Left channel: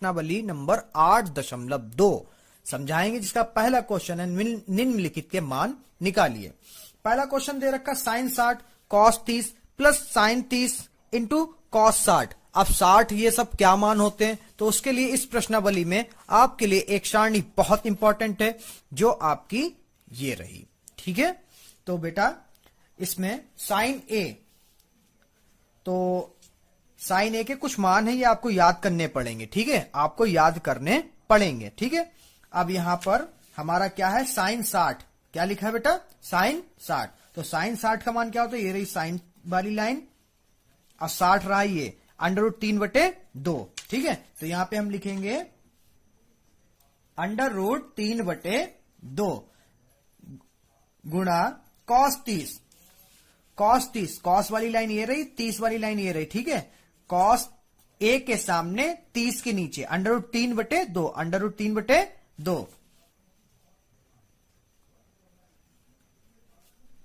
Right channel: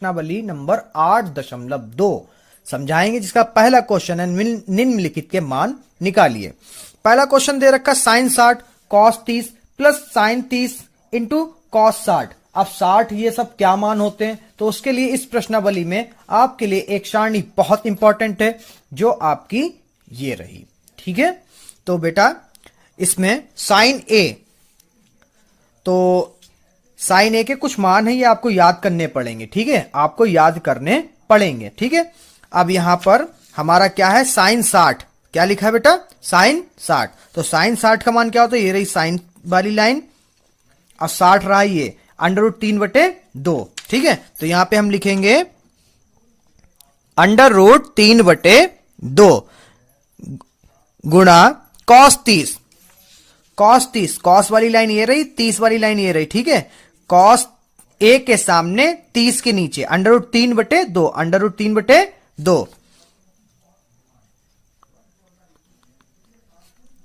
प्रश्नावली नंबर 8.2 समझाएंगे, जिसका पहला क्वेश्चन है निम्नलिखित के मान निकालिए। पहला क्वेश्चन दे रखा sine 60 cos 30 plus sine 30 into cos 60। अब 60 ये सब क्या मान होते हैं, तो उसके लिए इस प्रश्नावली में आपके लिए एक सारणी बहुत इंपॉर्टेंट है जो आपकी ये रही। ठीक है, तो बेटा इसमें साइन ए, तो साइन ए के कुछ मान है, ये आपको याद करने पड़ेंगे। ठीक है, आपको याद करने पड़ेंगे। ठीक है, अब यहां पर हमारा क्या है, साइन 60। क्या लिखा है बेटा, साइन 60। तो साइन 60 का मान क्या होता है, ये रही साइन वाली लाइन और 60 रहा ये √3/2। ठीक है, तो यहां पे हम लिखेंगे √3/2 गुणा कॉस 30। कॉस वाली लाइन ये रही, 30 वाली लाइन ये रही। ठीक है, कॉस ए के सामने 30 के नीचे √3/2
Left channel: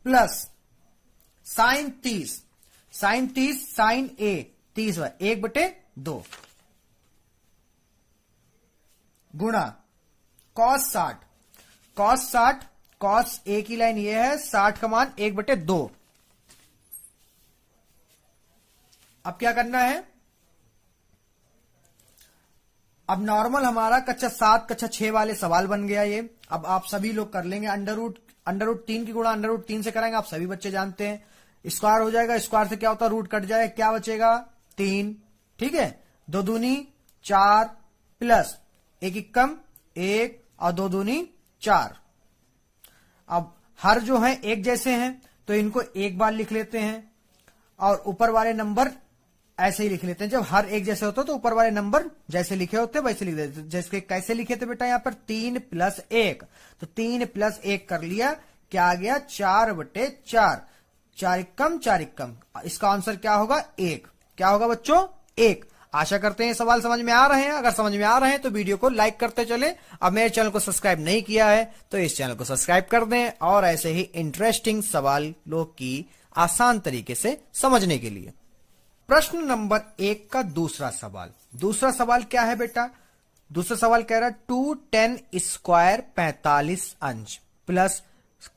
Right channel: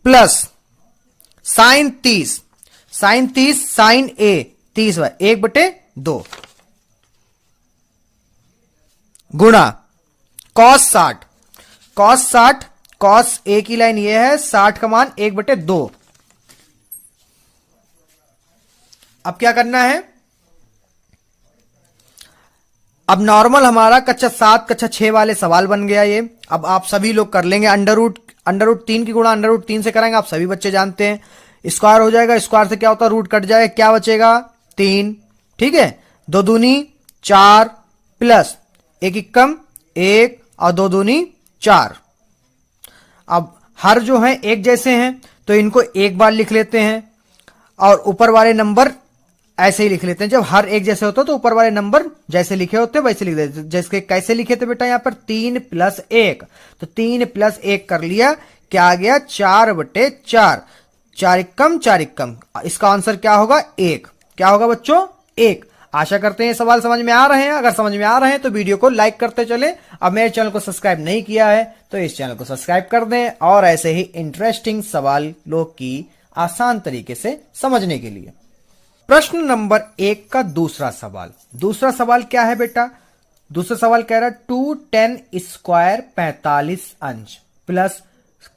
प्लस साइन 30 साइन ए 30 1/2 गुणा कॉस 60 कॉस ए की लाइन ये है, 60 का मान 1/2। अब क्या करना है, अब नॉर्मल हमारा कक्षा 7 कक्षा 6 वाले सवाल बन गया ये। अब आप सभी लोग कर लेंगे, अंडर रूट 3 की गुणा √3 से करेंगे, आप सभी बच्चे जानते हैं। स्क्वायर हो जाएगा, स्क्वायर से क्या होता है, रूट कट जाएगा, क्या बचेगा 3। ठीक है, 2 दूनी 4 प्लस 1 एकम 1 और 2 दूनी 4। अब हर जो है एक जैसे हैं तो इनको एक बार लिख लेते हैं और ऊपर वाले नंबर ऐसे ही लिख लेते हैं। जब हर एक जैसे होते तो ऊपर वाले नंबर जैसे लिखे होते वैसे लिख देते। जैसे कैसे लिखे थे बेटा, यहां पर 3 + 1, तो 3 + 1 कर लिया, क्या आ गया 4/4। 4 एकम 4 एकम, इसका आंसर क्या होगा 1। क्या होगा बच्चों 1। आशा करते हैं सवाल समझ में आ रहे हैं। अगर समझ में आ रहे हैं तो वीडियो को लाइक करते चले। अब मेरे चैनल को सब्सक्राइब नहीं किया है तो इस चैनल को सब्सक्राइब कर दें, और ऐसे ही इंटरेस्टिंग सवालों की आसान तरीके से समझने के लिए। प्रश्न नंबर 1 का दूसरा सवाल क्या है बेटा, दूसरा सवाल कह रहा है 2tan² 45 अंश प्लस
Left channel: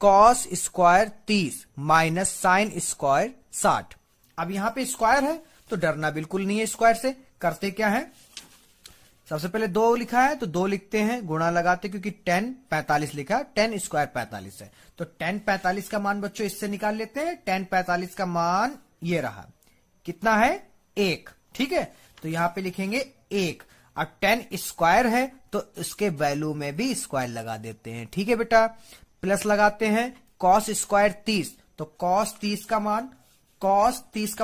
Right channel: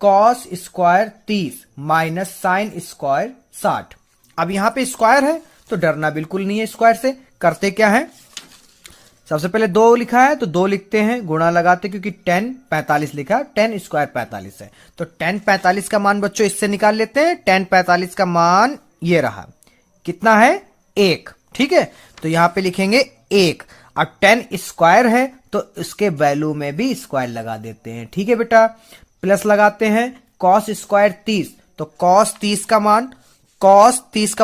cos² 30 माइनस sin² 60। अब यहां पे स्क्वायर है तो डरना बिल्कुल नहीं है स्क्वायर से। करते क्या है, सबसे पहले 2 लिखा है तो 2 लिखते हैं, गुणा लगाते, क्योंकि tan 45 लिखा है, tan² 45 है, तो tan 45 का मान बच्चों इससे निकाल लेते हैं। tan 45 का मान ये रहा, कितना है 1। ठीक है, तो यहां पे लिखेंगे 1, और tan स्क्वायर है तो इसके वैल्यू में भी स्क्वायर लगा देते हैं। ठीक है बेटा, प्लस लगाते हैं cos² 30, तो cos 30 का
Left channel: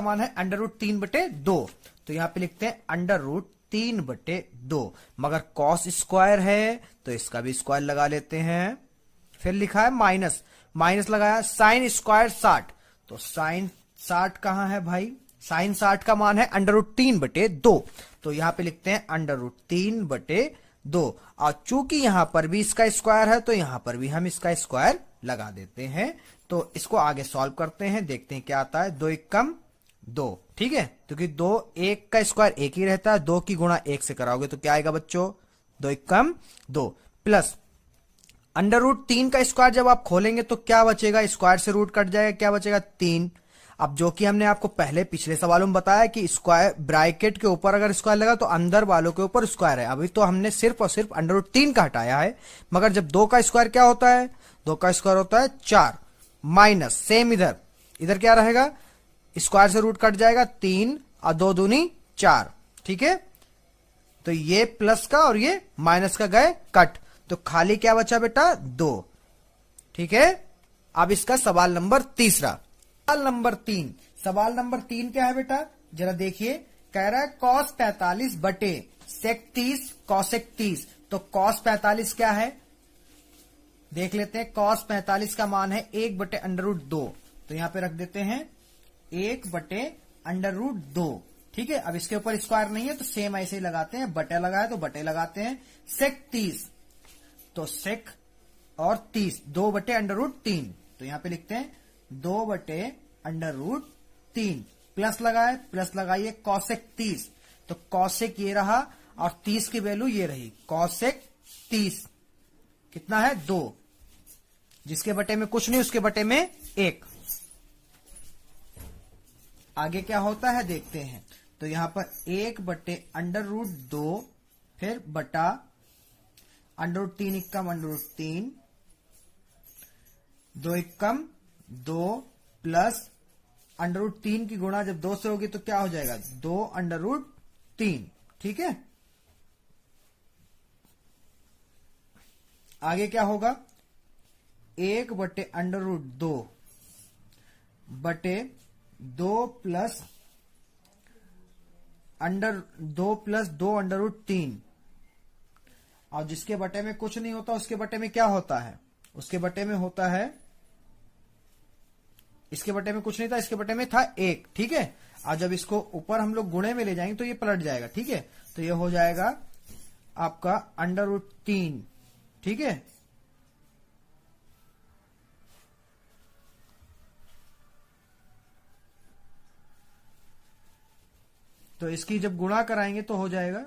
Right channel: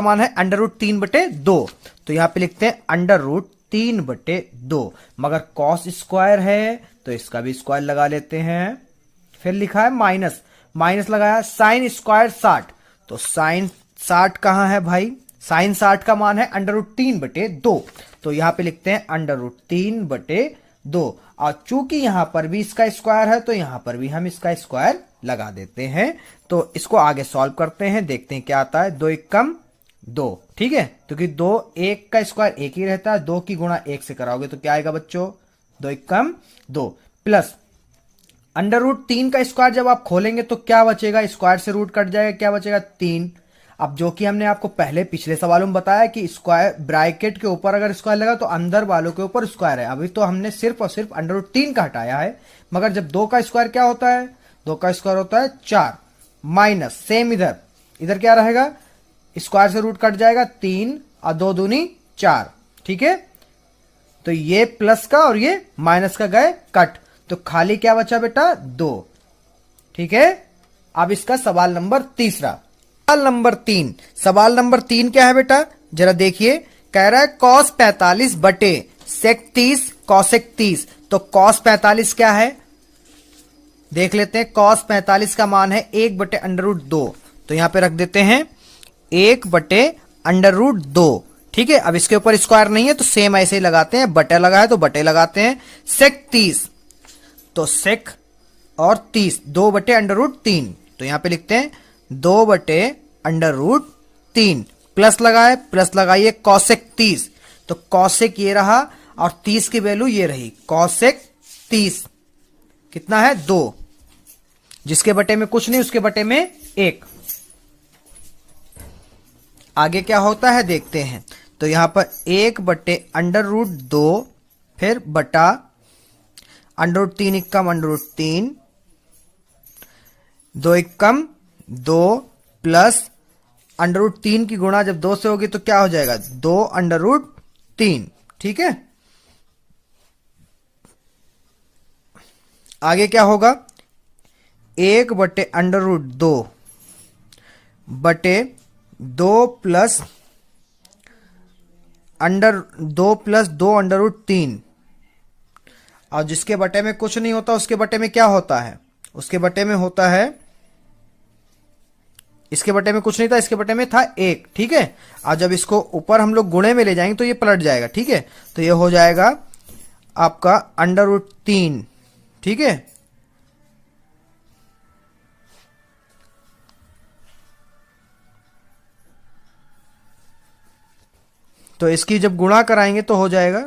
मान है √3/2, तो यहां पे लिखते हैं √3/2। मगर cos स्क्वायर है तो इसका भी स्क्वायर लगा लेते हैं। फिर लिखा है माइनस लगाया sin² 60, तो sin 60 कहां है भाई, sin 60 का मान है √3/2, तो यहां पे लिखते हैं √3/2। और चूंकि यहां पर भी इसका स्क्वायर है तो यहां पर भी हम इसका स्क्वायर लगा देते हैं। तो इसको आगे सॉल्व करते हैं, देखते हैं क्या आता है। 2 एकम 2, ठीक है, क्योंकि 2 1 का स्क्वायर 1 ही रहता है, 2 की गुणा 1 से कराओगे तो क्या आएगा बच्चों 2 एकम 2 प्लस √3 का स्क्वायर जब आप खोलेंगे तो क्या बचेगा, स्क्वायर से रूट कट जाएगा, क्या बचेगा 3। अब जो कि हमने आपको पहले पिछले सवालों में बताया कि स्क्वायर ब्रैकेट के ऊपर अगर स्क्वायर लगा तो अंदर वालों के ऊपर स्क्वायर है। अभी तो हमने सिर्फ और सिर्फ √3 का हटाया है, मगर जब 2 का स्क्वायर क्या होता है, 2 का स्क्वायर होता है 4 माइनस सेम इधर क्या रहेगा, स्क्वायर से रूट कट जाएगा 3 और 2 दूनी 4। ठीक है, तो ये प्लस का और ये माइनस का गए कट, तो खाली क्या बचा बेटा 2। ठीक है, अब इसका सवाल नंबर 3। सवाल नंबर 3 क्या है बेटा, जरा देखिए, कह रहा है cos 45 बटे sec 30 cosec 30, तो cos 45 क्या है देख लेते हैं। cos 45 का मान है 1/√2, तो यहां पे रख देते हैं 1/√2। ठीक है, अब इसके ऊपर स्क्वायर नहीं है तो सेम ऐसे ही लगाते हैं, बटे लगा है तो बटे लगाते हैं। sec 30, तो sec और 30 2/√3, तो यहां पे लिखते हैं 2/√3 प्लस लगाए, प्लस लगाइए cosec 30, तो cosec ये रहा और 30 की वैल्यू ये रही कॉसेक 30 कितना है 2, जिसके बटे में कुछ नहीं उसके बटे में 1। आगे क्या होता है देखते हैं। तो यहां पर 1/√2 फिर बटा √3 एकम √3 2 एकम 2 प्लस √3 की गुणा जब 2 से होगी तो क्या हो जाएगा 2√3। ठीक है, आगे क्या होगा 1/√2 बटे 2 प्लस 2 √3 और जिसके बटे में कुछ नहीं होता उसके बटे में क्या होता है, उसके बटे में होता है, इसके बटे में कुछ नहीं था, इसके बटे में था 1। ठीक है, और जब इसको ऊपर हम लोग गुणे में ले जाएंगे तो ये पलट जाएगा। ठीक है, तो ये हो जाएगा आपका √3। ठीक है, तो इसकी जब गुणा कराएंगे तो हो जाएगा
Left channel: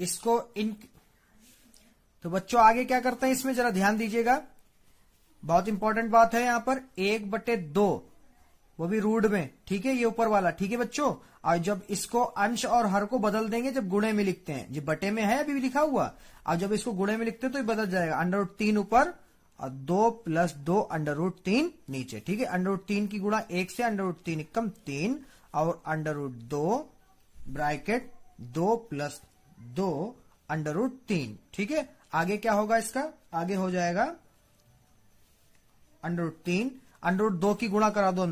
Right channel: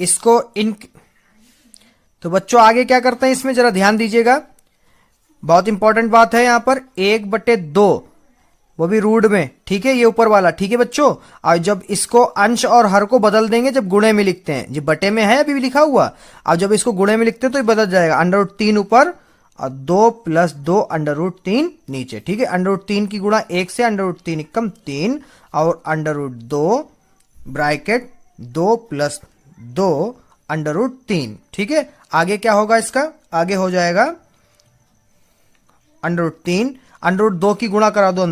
इसको इन, तो बच्चों आगे क्या करते हैं इसमें जरा ध्यान दीजिएगा, बहुत इंपॉर्टेंट बात है यहां पर 1/2 वो भी रूट में। ठीक है, ये ऊपर वाला। ठीक है बच्चों, और जब इसको अंश और हर को बदल देंगे जब गुणे में लिखते हैं, जो बटे में है अभी भी लिखा हुआ, और जब इसको गुणे में लिखते हैं तो ये बदल जाएगा √3 ऊपर और 2 + 2 √3 नीचे। ठीक है, √3 की गुणा 1 से √3 एकम 3 और √2 ब्रैकेट 2 + 2 √3। ठीक है, आगे क्या होगा इसका, आगे हो जाएगा √3 √2 की गुणा करा दो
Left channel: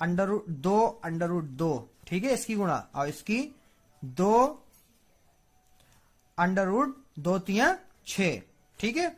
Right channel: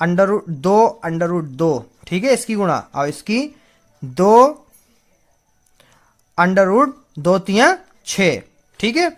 अंदर √2 ठीक है, इसकी गुणा और इसकी 2 √2 × 6। ठीक है,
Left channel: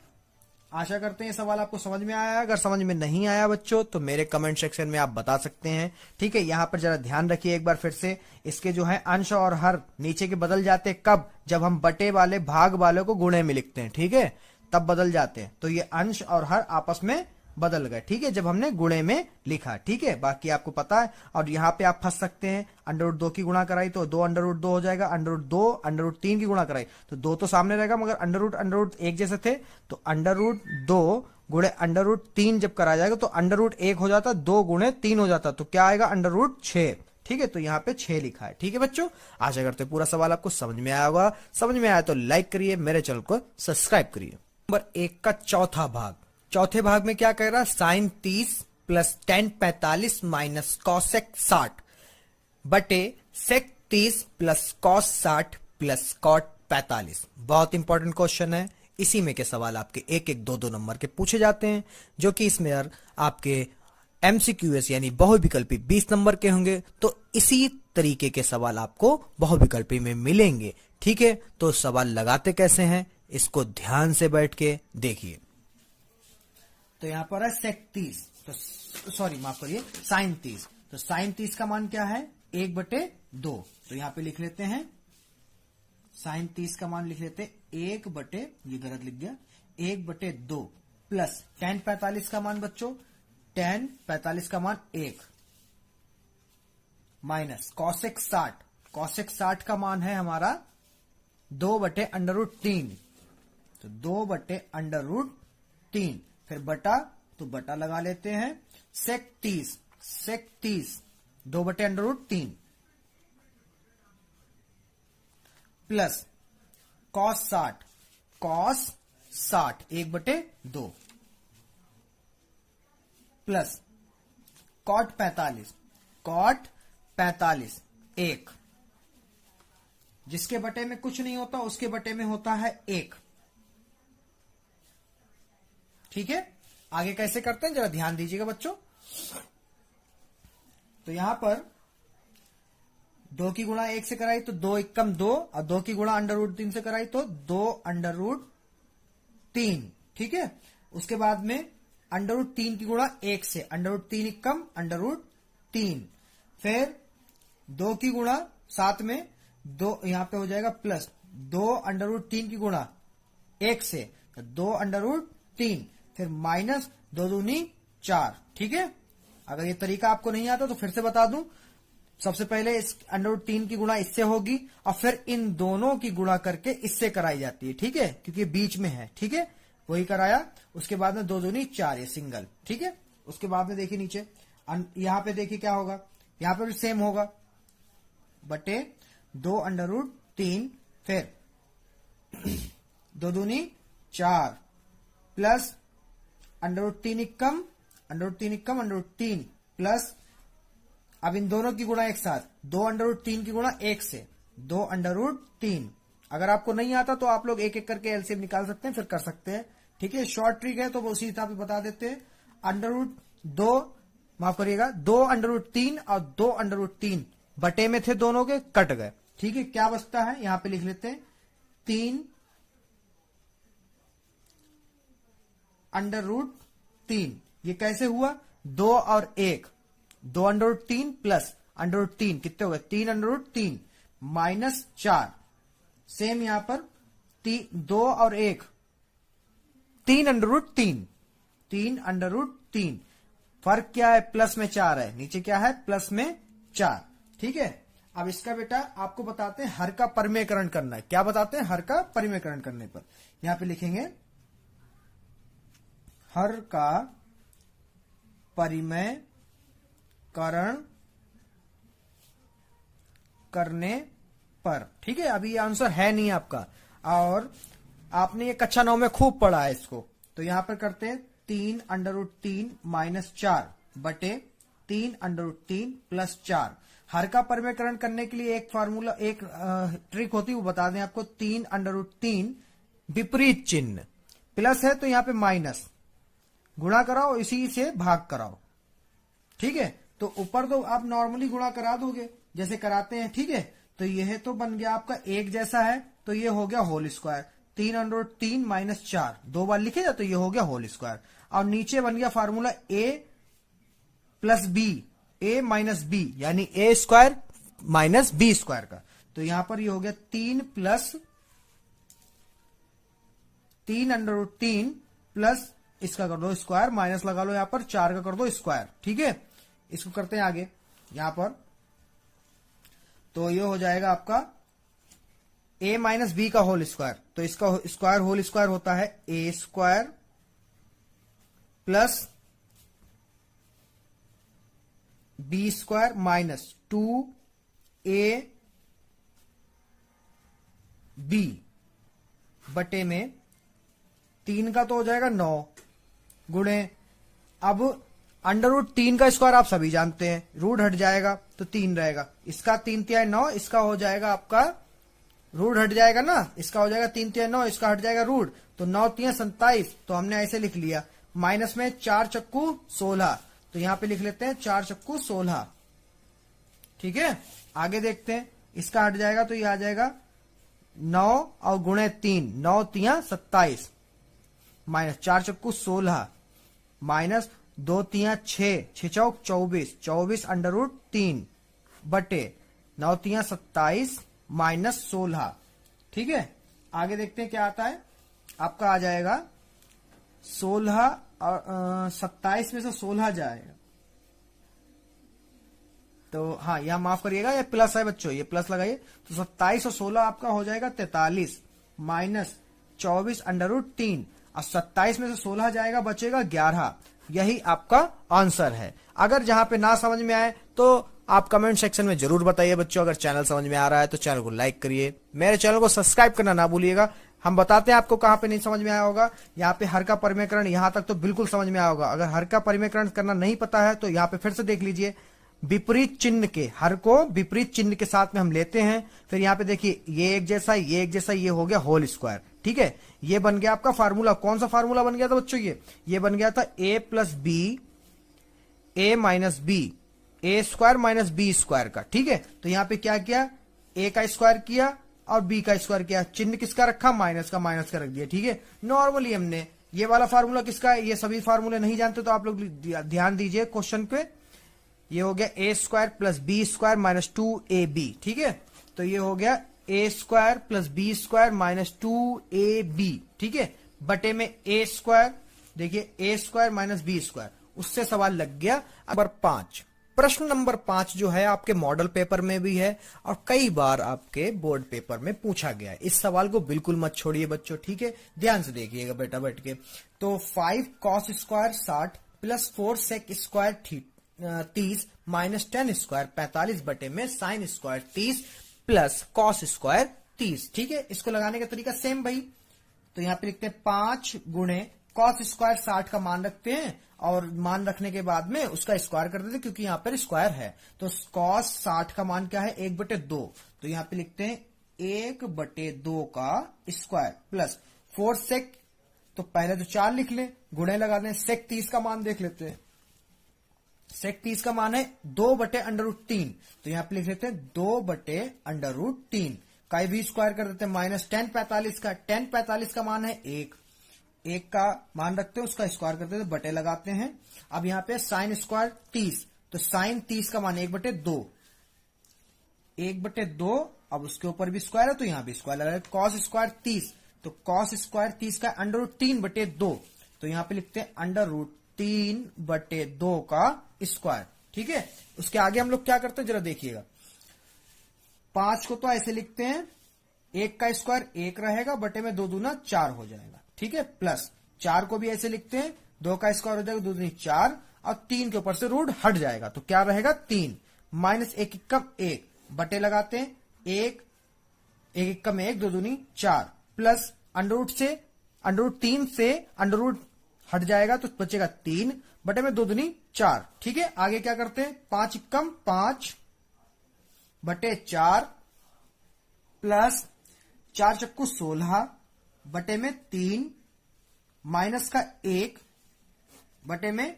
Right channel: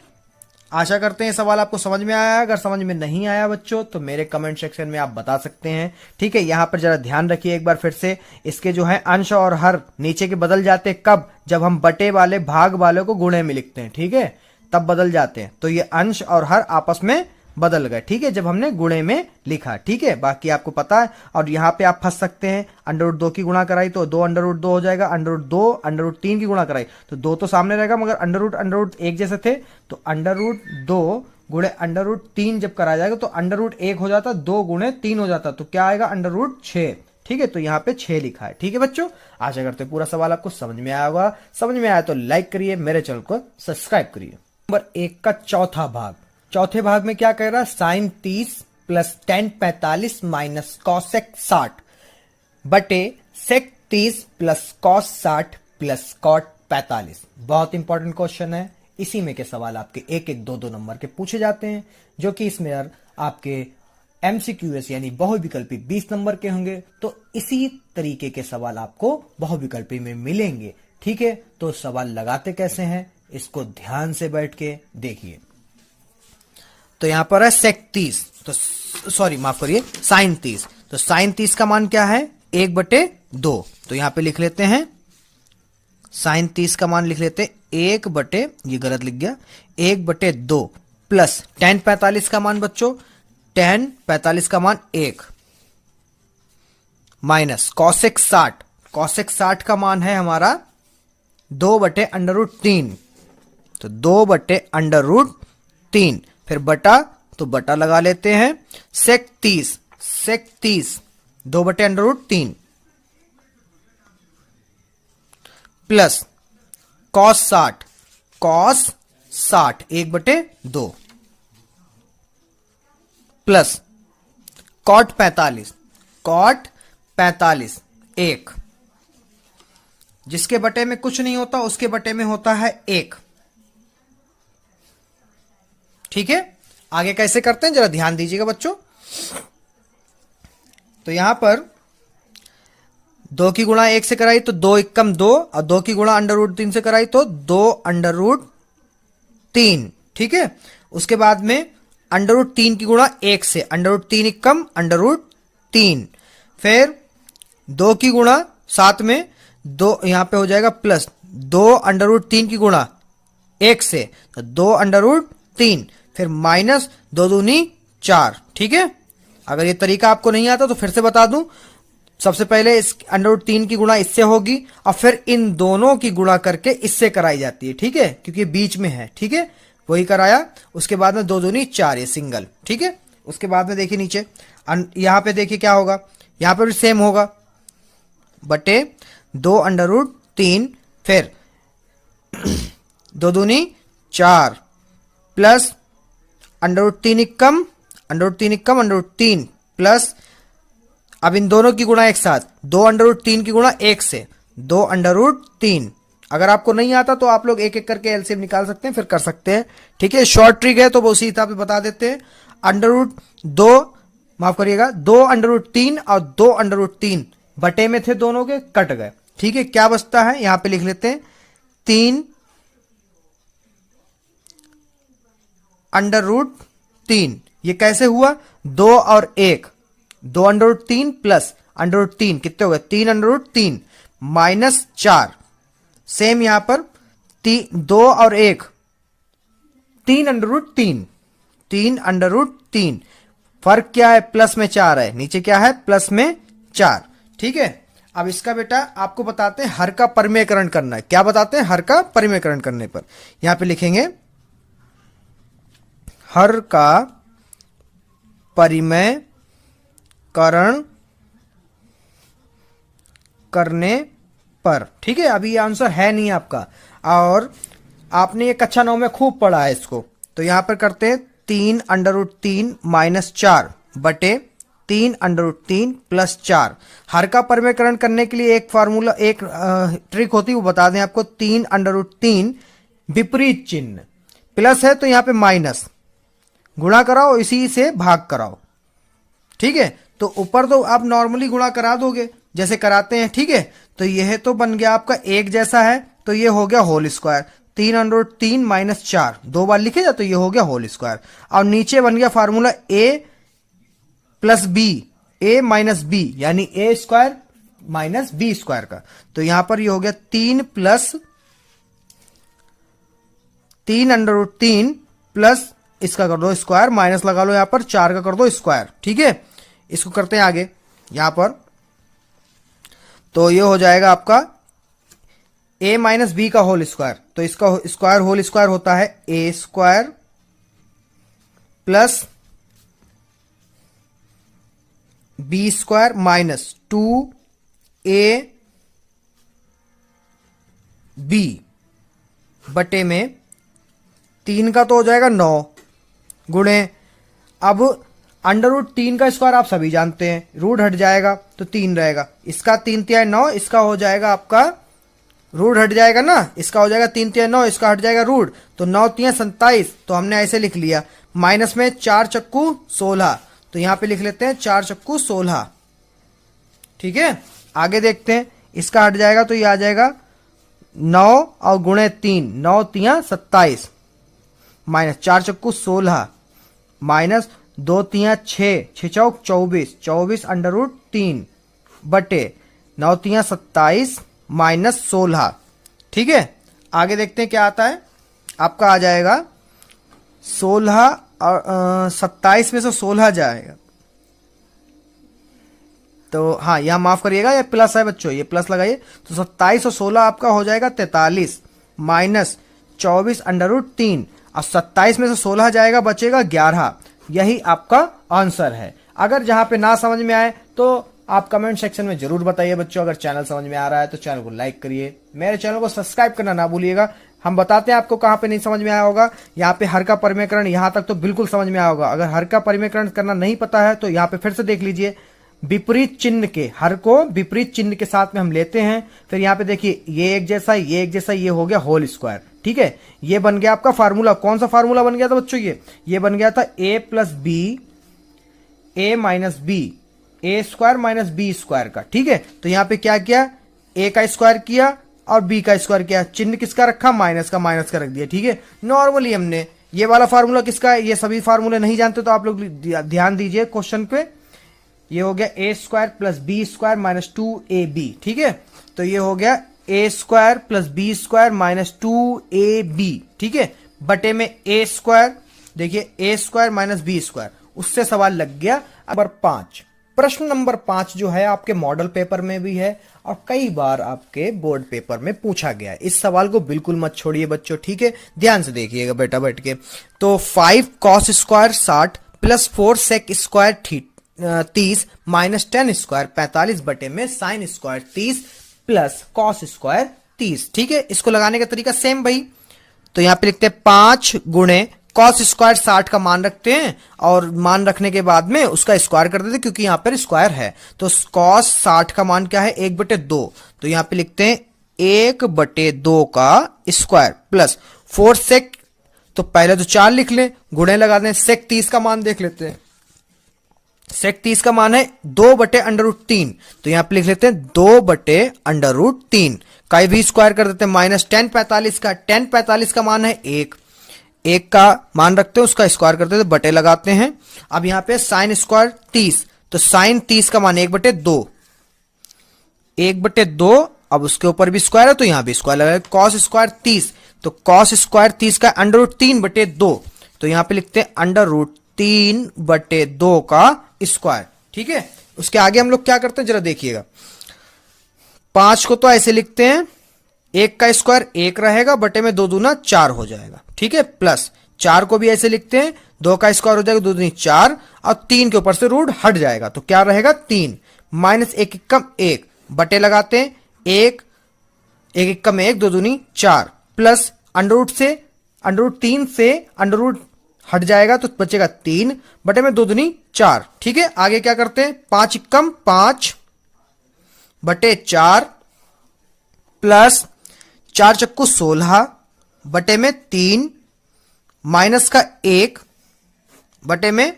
आशा करते हैं सवाल आपको समझ में आया। अगर समझ में नहीं आया बच्चों तो मेरे कमेंट सेक्शन में आप बता सकते हैं। ठीक है, यहां पर जरा ध्यान रखिए एक बार फिर से, इसके जो है अंश और हर नीचे के बदल जाते हैं कब, जब हम बटे वाले भाग वाले को गुणे में लिखते हैं। ठीक है, तब बदल जाते हैं। तो ये अंश और हर आपस में बदल गए। ठीक है, जब हमने गुणे में लिखा। ठीक है, बाकी आपको पता है। और यहां पे आप फंस सकते हैं, √2 की गुणा कराई तो 2 √2 हो जाएगा, √2 √3 की गुणा कराई तो 2 तो सामने रहेगा मगर √√ एक जैसे थे, तो √2 गुणे √3 जब करा जाएगा तो √1 हो जाता, 2 गुणे 3 हो जाता, तो क्या आएगा √6। ठीक है, तो यहाँ पे 6 लिखा है। ठीक है बच्चों, आशा करते हैं पूरा सवाल आपको समझ में आया होगा। समझ में आया तो लाइक करिए, मेरे चैनल को सब्सक्राइब करिए। नंबर 1 का चौथा भाग, चौथे भाग में क्या कह रहा है, sin 30 + tan 45 - cosec 60 बटे sec 30 + cos 60 + cot 45। बहुत इंपॉर्टेंट क्वेश्चन है, इसी में के सवाल आपके 1-1, 2-2 नंबर के पूछे जाते हैं, जो कि इसमें आपके MCQS यानी बहुविकल्पी 20 नंबर के होंगे। तो इसी तरीके के सवाल आपको बहुविकल्पी में मिलेंगे। ठीक है, तो सवाल लगाते कैसे हैं इसको ध्यान से बैठ के देखिए। तो यहां पर है sec 30, तो सॉरी माफ करिए sin 30, तो sin 30 का मान क्या है 1/2, तो यहां पे लिख लेते हैं sin 30 का मान लिख लेते हैं 1/, ये गलत लिख गया, 1/2 प्लस tan 45 का मान बच्चों, tan 45 का मान 1 माइनस cosec 60, cosec 60 का मान है हमारा 2/√3, तो 2/√3 फिर बटा, तो बटा लगा लेते हैं sec 30, sec 30 2/√3 plus cos 60, cos 60 1/2 plus cot 45, cot 45 1, जिसके बटे में कुछ नहीं होता उसके बटे में होता है 1। ठीक है, आगे कैसे करते हैं जरा ध्यान दीजिएगा बच्चों। तो यहां पर 2 की गुणा 1 से कराई तो 2 एकम 2 और 2 की गुणा √3 से कराई तो 2 √3। ठीक है, उसके बाद में √3 की गुणा 1 से √3 एकम √3, फिर 2 की गुणा साथ में 2 यहां पे हो जाएगा प्लस 2 √3 की गुणा 1 से तो 2 √3, फिर माइनस 2 दूनी 4। ठीक है, अगर ये तरीका आपको नहीं आता तो फिर से बता दूं, सबसे पहले इस √3 की गुणा इससे होगी और फिर इन दोनों की गुणा करके इससे कराई जाती है। ठीक है, क्योंकि बीच में है। ठीक है, वही कराया। उसके बाद में 2 दूनी 4, ये सिंगल। ठीक है, उसके बाद में देखिए नीचे यहां पे देखिए क्या होगा, यहां पे भी सेम होगा, बटे 2 √3, फिर 2 दूनी 4 प्लस √3 इक्कम √3 प्लस, अब इन दोनों की गुणा एक साथ, 2 √3 की गुणा 1 से 2 √3। अगर आपको नहीं आता तो आप लोग एक एक करके एलसीएम निकाल सकते हैं, फिर कर सकते हैं। ठीक है, शॉर्ट ट्रिक है तो वो उसी हिसाब से बता देते हैं। √2, माफ करिएगा, 2 √3 और 2 √3 बटे में थे दोनों के, कट गए। ठीक है, क्या बचता है यहां पे लिख लेते हैं 3 √3। ये कैसे हुआ, 2 और 1, 2 √3 प्लस √3 कितने हो गए, 3 √3 माइनस 4। सेम यहां पर 2 और 1, 3 √3। फर्क क्या है, प्लस में 4 है, नीचे क्या है, प्लस में 4। ठीक है, अब इसका बेटा आपको बताते हैं हर का परिमेयकरण करना है। क्या बताते हैं, हर का परिमेयकरण करने पर यहां पे लिखेंगे हर का परिमेयकरण करने पर। ठीक है, अभी ये आंसर है नहीं आपका, और आपने ये कक्षा 9 में खूब पढ़ा है इसको। तो यहां पर करते हैं 3 √3 माइनस 4 बटे 3 √3 प्लस 4। हर का परिमेयकरण करने के लिए एक फार्मूला, एक ट्रिक होती है, वो बता दें आपको। 3 √3 विपरीत चिन्ह, प्लस है तो यहां पे माइनस, गुणा कराओ, इसी से भाग कराओ। ठीक है, तो ऊपर तो आप नॉर्मली गुणा करा दोगे जैसे कराते हैं। ठीक है, तो यह तो बन गया आपका एक जैसा है, तो ये हो गया होल स्क्वायर। 3 √3 माइनस 4 2 बार लिखे जाए तो ये हो गया होल स्क्वायर। और नीचे बन गया formula a plus B, a minus B, यानी a square minus B square का। तो यहां पर ये हो गया 3 √3 प्लस इसका कर दो स्क्वायर, माइनस लगा लो यहां पर, 4 का कर दो स्क्वायर। ठीक है, इसको करते हैं आगे यहां पर, तो ये हो जाएगा आपका a माइनस बी का होल स्क्वायर। तो इसका स्क्वायर होल स्क्वायर होता है a square plus B square minus 2ab बटे में 3 का तो हो जाएगा 9 गुणे, अब √3 का स्क्वायर आप सभी जानते हैं, रूट हट जाएगा तो 3 रहेगा, इसका 3 तिहाई 9, इसका हो जाएगा आपका रूट हट जाएगा ना, इसका हो जाएगा 3 तिहाई 9, इसका हट जाएगा रूट, तो 9 तिहाई 27। तो हमने ऐसे लिख लिया, माइनस में 4 चक्कू 16, तो यहां पे लिख लेते हैं 4 चक्कू 16। ठीक है, आगे देखते हैं, इसका हट जाएगा तो ये आ जाएगा 9 और गुणे 3, 9 तिहाई 27 माइनस 4 चक्कू 16 माइनस 2 तिहाई 6, 6 चौक 24, 24 √3 बटे 9 तिहाई 27 माइनस 16। ठीक है, आगे देखते हैं क्या आता है, आपका आ जाएगा 16 और 27 में से 16 जाएगा, तो हाँ यहां माफ करिएगा, ये प्लस है बच्चों, ये प्लस लगाइए, तो 27 और 16 आपका हो जाएगा 43 माइनस 24 √3, और 27 में से 16 जाएगा, बचेगा 11। यही आपका आंसर है। अगर जहां पे ना समझ में आए तो आप कमेंट सेक्शन में जरूर बताइए बच्चों। अगर चैनल समझ में आ रहा है तो चैनल को लाइक करिए, मेरे चैनल को सब्सक्राइब करना ना भूलिएगा। हम बताते हैं आपको कहां पे नहीं समझ में आया होगा। यहाँ पे हर का परिमेयकरण यहां तक तो बिल्कुल समझ में आया होगा। अगर हर का परिमेयकरण करना नहीं पता है तो यहाँ पे फिर से देख लीजिए, विपरीत चिन्ह के, हर को विपरीत चिन्ह के साथ में हम लेते हैं। फिर यहाँ पे देखिए ये एक जैसा, ये एक जैसा, ये हो गया होल स्क्वायर। ठीक है, ये बन गया आपका फार्मूला। कौन सा फार्मूला बन गया था बच्चों, ये बन गया था a plus B, a minus B, a square minus B square का। ठीक है, तो यहाँ पे क्या किया, a का स्क्वायर किया और b का स्क्वायर किया, चिन्ह किसका रखा, माइनस का रख दिया। ठीक है, नॉर्मली हमने ये वाला फार्मूला किसका है, ये सभी फार्मूले नहीं जानते तो आप लोग ध्यान दीजिए क्वेश्चन पे। ये हो गया a square plus B square minus 2ab। ठीक है, तो ये हो गया a square plus B square minus 2ab। ठीक है, बटे में a स्क्वायर देखिए A square minus B square, उससे सवाल लग गया। नंबर 5, प्रश्न नंबर 5 जो है आपके मॉडल पेपर में भी है और कई बार आपके बोर्ड पेपर में पूछा गया है। इस सवाल को बिल्कुल मत छोड़िए बच्चों, ठीक है, ध्यान से देखिएगा बेटा बैठ के। तो 5 cos square 60 plus 4 sec square 30 minus 10 square 45 बटे में sine square 30 plus cos square 30, ठीक है। इसको लगाने का तरीका सेम भाई, तो यहां पे लिखते हैं 5 गुणे कॉस स्क्वायर 60 का मान रखते हैं और मान रखने के बाद में उसका स्क्वायर कर देते हैं क्योंकि यहां पर स्क्वायर है। तो कॉस 60 का मान क्या है 1/2, तो यहां पे लिखते हैं 1/2 का स्क्वायर प्लस 4 सेक, तो पहले तो 4 लिख लें, गुणे लगा दें, सेक 30 का मान देख लेते हैं। सेक 30 का मान है 2/√3, तो यहां पे लिख लेते हैं 2/√3 का भी स्क्वायर कर देते हैं। माइनस 10 45 का, 10 45 का मान है 1 का मान रखते हैं, उसका स्क्वायर करते हैं, बटे लगाते हैं। अब यहां पे साइन स्क्वायर 30, तो साइन 30 का मान 1/2, 1/2, अब उसके ऊपर भी स्क्वायर है तो यहां भी स्क्वायर लगाए। कॉस स्क्वायर 30, तो कॉस स्क्वायर 30 का √3/2, तो यहां पे लिखते हैं √3/2 का स्क्वायर, ठीक है। उसके आगे हम लोग क्या करते हैं जरा देखिएगा। 5 को तो ऐसे लिखते हैं, 1 का स्क्वायर 1 रहेगा, बटे में 2 दूना 4 हो जाएगा, ठीक है, प्लस 4 को भी ऐसे लिखते हैं, 2 का स्क्वायर हो जाएगा 2 दूनी 4 और 3 के ऊपर से रूट हट जाएगा तो क्या रहेगा 3 माइनस 1 एकम 1 बटे लगाते हैं 1 एकम 1 2 दूनी 4 प्लस √3 से अंडर हट जाएगा तो बचेगा 3 बटे में 2 दूनी 4, ठीक है। आगे क्या करते हैं 5 एकम 5 बटे 4 प्लस 4 चक्कू 16 बटे में 3 माइनस का 1 बटे में,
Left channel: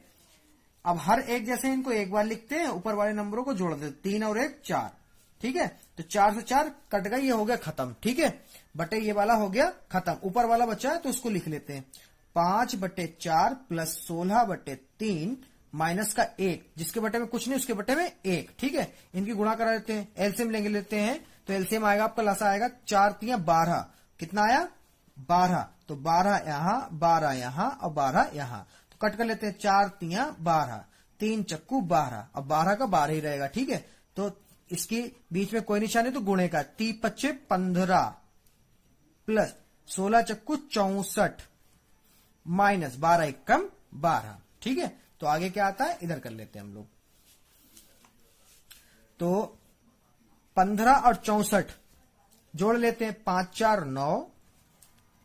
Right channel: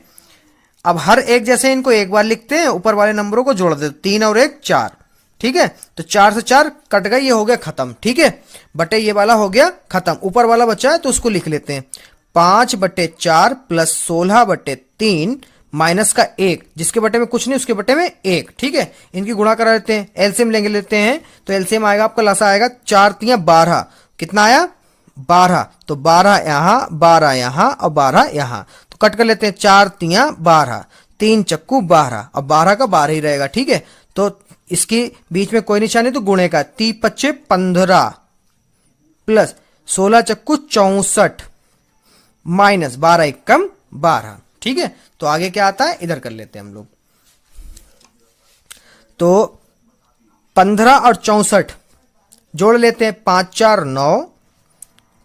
अब हर एक जैसे इनको एक बार लिखते हैं, ऊपर वाले नंबरों को जोड़ देते 3 और 1 4, ठीक है। तो 4 से 4 कट गई, ये हो गया खत्म, ठीक है, बटे ये वाला हो गया खत्म। ऊपर वाला बचा है तो उसको लिख लेते हैं 5/4 प्लस 16/3 माइनस का 1, जिसके बटे में कुछ नहीं उसके बटे में 1, ठीक है। इनकी गुणा करा लेते हैं, एलसीएम लेते हैं, तो एलसीएम आएगा आपका लसा आएगा 4 3 12, कितना आया 12, तो 12 यहां 12 यहां और 12 यहां, तो कट कर लेते हैं 4 3 12, 3 चक्कू 12, अब 12 का 12 ही रहेगा, ठीक है। तो इसके बीच में कोई निशान नहीं तो गुणे का 30 25 15 प्लस 16 चक्कू 64 माइनस 12 एकम 12, ठीक है। तो आगे क्या आता है इधर कर लेते हैं हम लोग, तो 15 और 64 जोड़ लेते हैं, 5 4 9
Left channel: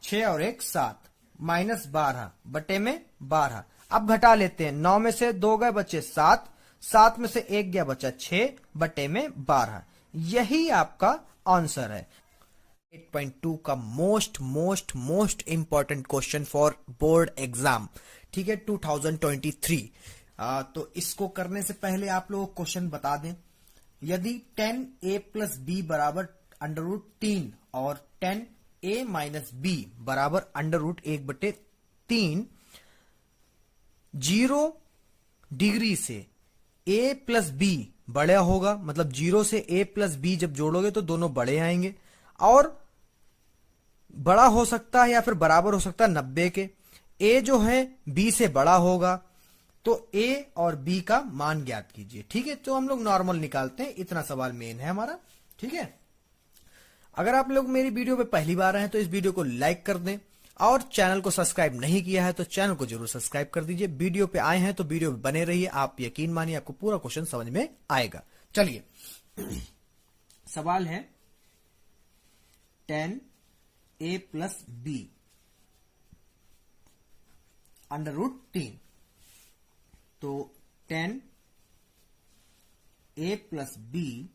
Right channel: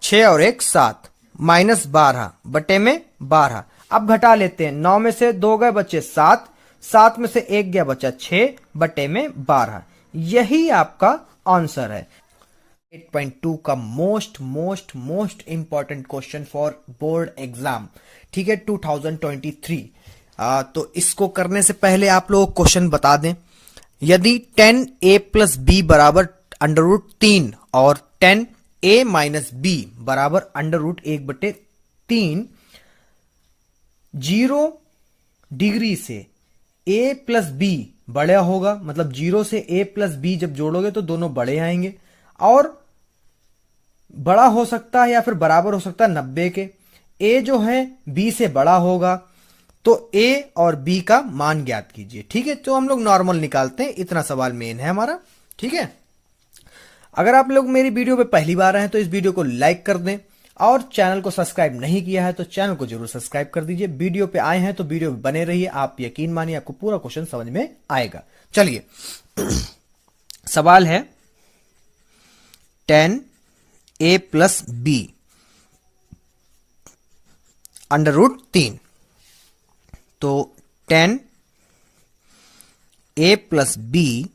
6 और 1 7 माइनस 12 बटे में 12। अब घटा लेते हैं, 9 में से 2 गए बचे 7, 7 में से 1 गया बचा 6 बटे में 12। यही आपका आंसर है 8.2 का most important question for board exam, ठीक है 2023। तो इसको करने से पहले आप लोग क्वेश्चन बता दें, यदि 10a प्लस बी बराबर √3 और 10a माइनस बी बराबर √1/3 0 डिग्री से a प्लस बी बड़ा होगा, मतलब 0 से a प्लस बी जब जोड़ोगे तो दोनों बड़े आएंगे, और बड़ा हो सकता है या फिर बराबर हो सकता है 90 के। a जो है b से बड़ा होगा, तो a और b का मान ज्ञात कीजिए, ठीक है। तो हम लोग नॉर्मल निकालते हैं, इतना सवाल मेन है हमारा, ठीक है। अगर आप लोग मेरी वीडियो पे पहली बार आए हैं तो इस वीडियो को लाइक कर दें, और चैनल को सब्सक्राइब नहीं किया है तो चैनल को जरूर सब्सक्राइब कर दीजिए। वीडियो पे आए हैं तो वीडियो पे बने रहिए, आप यकीन मानिए आपको पूरा क्वेश्चन समझ में आएगा। चलिए सवाल है 10a प्लस बी √3, तो 10a प्लस बी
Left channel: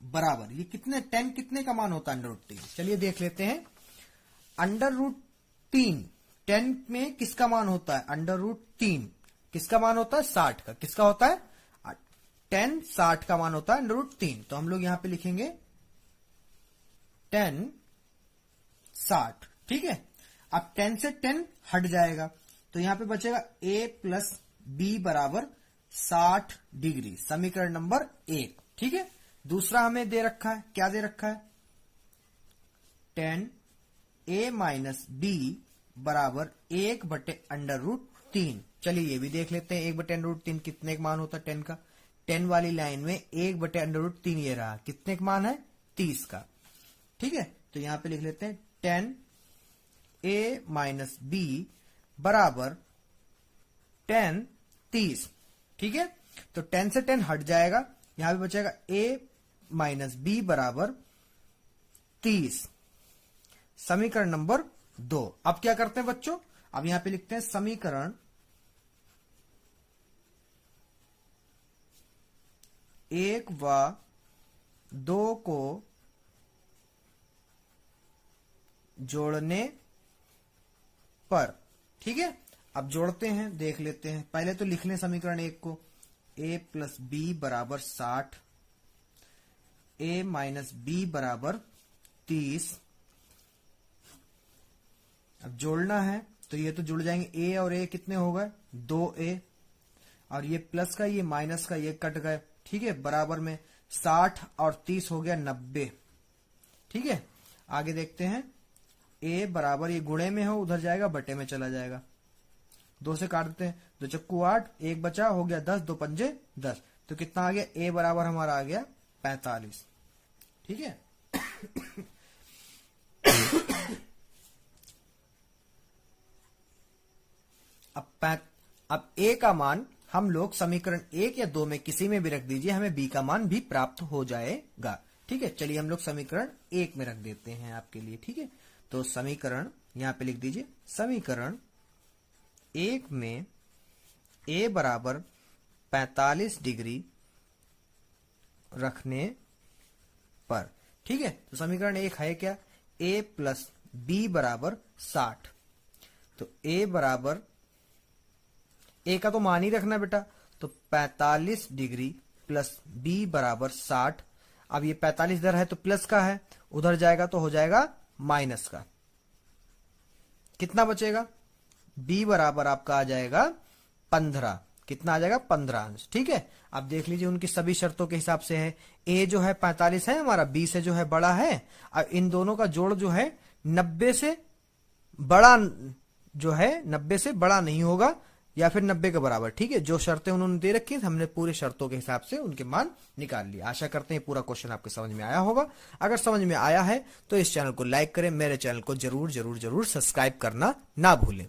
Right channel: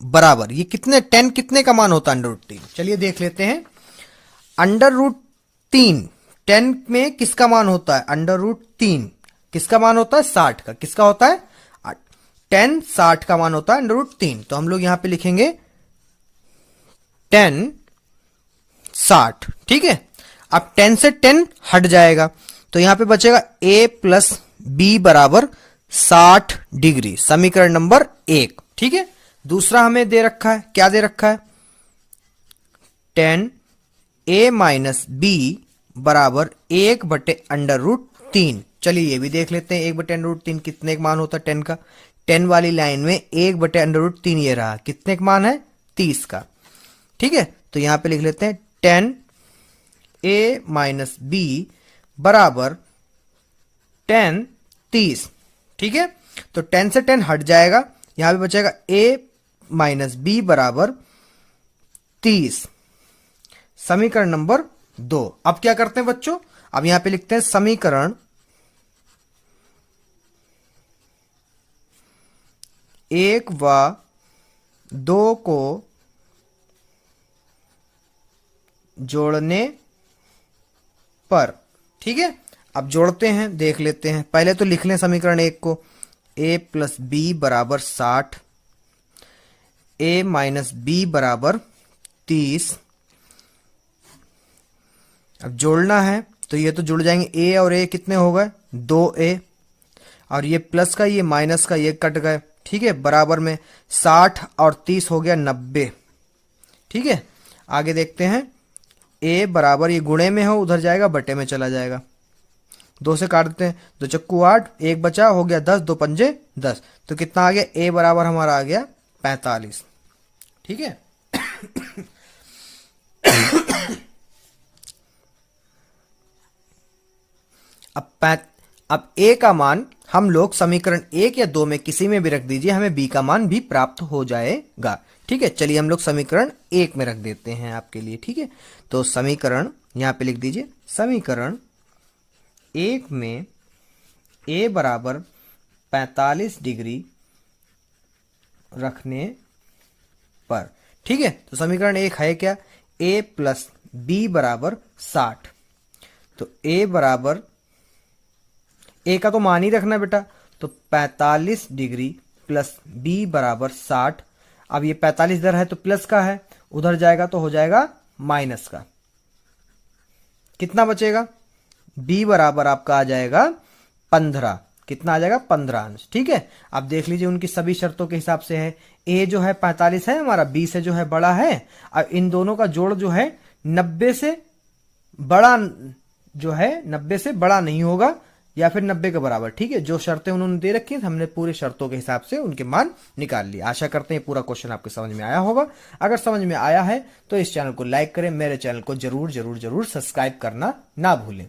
बराबर, ये कितने 10 कितने का मान होता है √3, चलिए देख लेते हैं। √3 10 में किसका मान होता है, √3 किसका मान होता है 60 का, किसका होता है 10 60 का मान होता है √3, तो हम लोग यहां पे लिखेंगे 10 60, ठीक है। अब 10 से 10 हट जाएगा तो यहां पे बचेगा a प्लस बी बराबर 60 डिग्री, समीकरण नंबर 1, ठीक है। दूसरा हमें दे रखा है, क्या दे रखा है 10a माइनस बी बराबर 1/√3। चलिए ये भी देख लेते हैं, 1/√3 कितने का मान होता है 10 का। 10 वाली लाइन में 1/√3 ये रहा, कितने का मान है 30 का। ठीक है, तो यहां पे लिख लेते हैं 10a-b बराबर 10 30। ठीक है, तो 10 से 10 हट जाएगा, यहां पे बचेगा a-b बराबर 30। समीकरण नंबर 2। अब क्या करते हैं बच्चों, अब यहां पे लिखते हैं समीकरण 1 व 2 को जोड़ने पर। ठीक है, अब जोड़ते हैं, देख लेते हैं। पहले तो लिख लें समीकरण 1 को, a + b बराबर 60, a - b बराबर 30। अब जोड़ना है तो ये तो जुड़ जाएंगे, a और a कितने हो गए 2a, और ये प्लस का ये माइनस का ये कट गए। ठीक है, बराबर में 60 और 30 हो गया 90। ठीक है, आगे देखते हैं, a बराबर ये गुणे में हो उधर जाएगा, बटे में चला जाएगा, 2 से काट देते हैं, 2 चक्कू 8, 1 बचा, हो गया 10, 2 पंजे 10। तो कितना आ गया, a बराबर हमारा आ गया 45। ठीक है, अब a का मान हम लोग समीकरण 1 या 2 में किसी में भी रख दीजिए, हमें b का मान भी प्राप्त हो जाएगा। ठीक है, चलिए हम लोग समीकरण 1 में रख देते हैं आपके लिए। ठीक है, तो समीकरण यहां पे लिख दीजिए, समीकरण 1 में a बराबर 45 डिग्री रखने पर। ठीक है, तो समीकरण 1 है क्या, a + b बराबर 60। तो a बराबर, a का तो मान ही रखना बेटा, तो 45 डिग्री प्लस b बराबर 60। अब ये 45 इधर है तो प्लस का है, उधर जाएगा तो हो जाएगा माइनस का। कितना बचेगा, b बराबर आपका आ जाएगा 15। कितना आ जाएगा 15 अंश। ठीक है, अब देख लीजिए उनकी सभी शर्तों के हिसाब से है, a जो है 45 है हमारा, b से जो है बड़ा है, अब इन दोनों का जोड़ जो है 90 से बड़ा, जो है 90 से बड़ा नहीं होगा, या फिर 90 के बराबर। ठीक है, जो शर्तें उन्होंने दे रखी हैं हमने पूरे शर्तों के हिसाब से उनके मान निकाल लिए। आशा करते हैं पूरा क्वेश्चन आपके समझ में आया होगा। अगर समझ में आया है तो इस चैनल को लाइक करें, मेरे चैनल को जरूर जरूर जरूर सब्सक्राइब करना ना भूलें।